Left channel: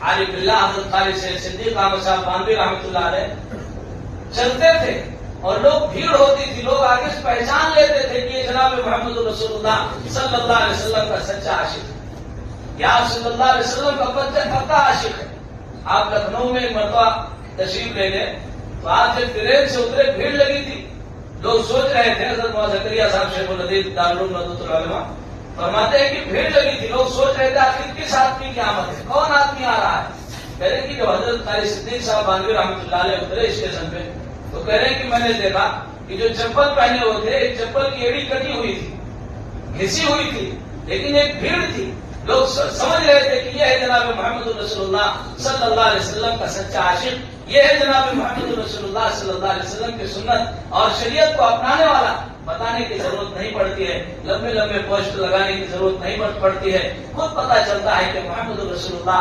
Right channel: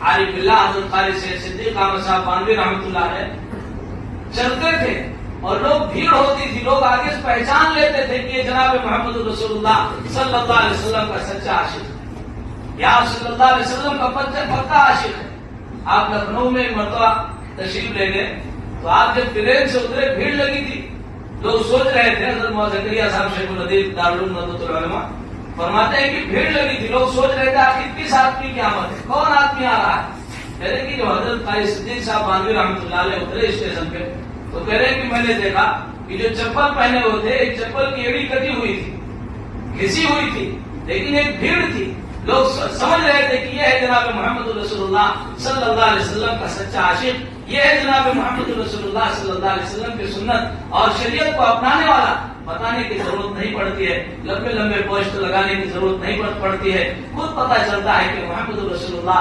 عارف باللہ حضرت خالد سے صدیق احمد صاحب باندھی رحمۃ اللہ علیہ چلتے تھے اور لوگ بھیڑ ہوتی تھی، لوگ آگے سے پہچان لیتے تھے کہ یہ جناب محمد رسول اللہ صلی اللہ علیہ وسلم کا سچا عاشق ہے، یا صلی اللہ علیہ وسلم کا پکا عاشق ہے۔ آپ لکھنؤ میں ایک مرتبہ تشریف لے گئے تو آپ جب ٹرین سے اترے بھیڑ لگی تھی، لوگ سوچ رہے تھے، حضرت مولانا زکریا صاحب شیخ الحدیث دارالعلوم ندوۃ العلماء فرماتے ہیں کہ بھیڑ لگی تھی، لوگ سوچ رہے تھے آخر کس آدمی کی آمد ہے، کون آدمی آ رہا ہے؟ کہہ رہے کہ جو حضرت خالد صدیق صاحب باندھی رحمۃ اللہ علیہ اترے اسٹیشن پہ تو کہہ رہے کہ میں نے دیکھا کہ جو چپل پہنے ہوئے تھے ایک چپل کی ایڑی کٹی ہوئی تھی، گھسی ہوئی تھی، لیکن ایک بھیڑ تھی، لوگ سمجھ رہے تھے کہ یہ ہے جناب محمد رسول اللہ صلی اللہ علیہ وسلم کا سچا عاشق، یہ ہے جناب محمد رسول اللہ صلی اللہ علیہ وسلم کی سنت اور شریعت کو اپنانے والا۔ بتانے کی ضرورت نہیں پڑتی ہے، لمبے لمبے پوسٹ لگانے کی ضرورت نہیں پڑتی ہے، خود پتہ چلتا ہے کہ محمد رسول اللہ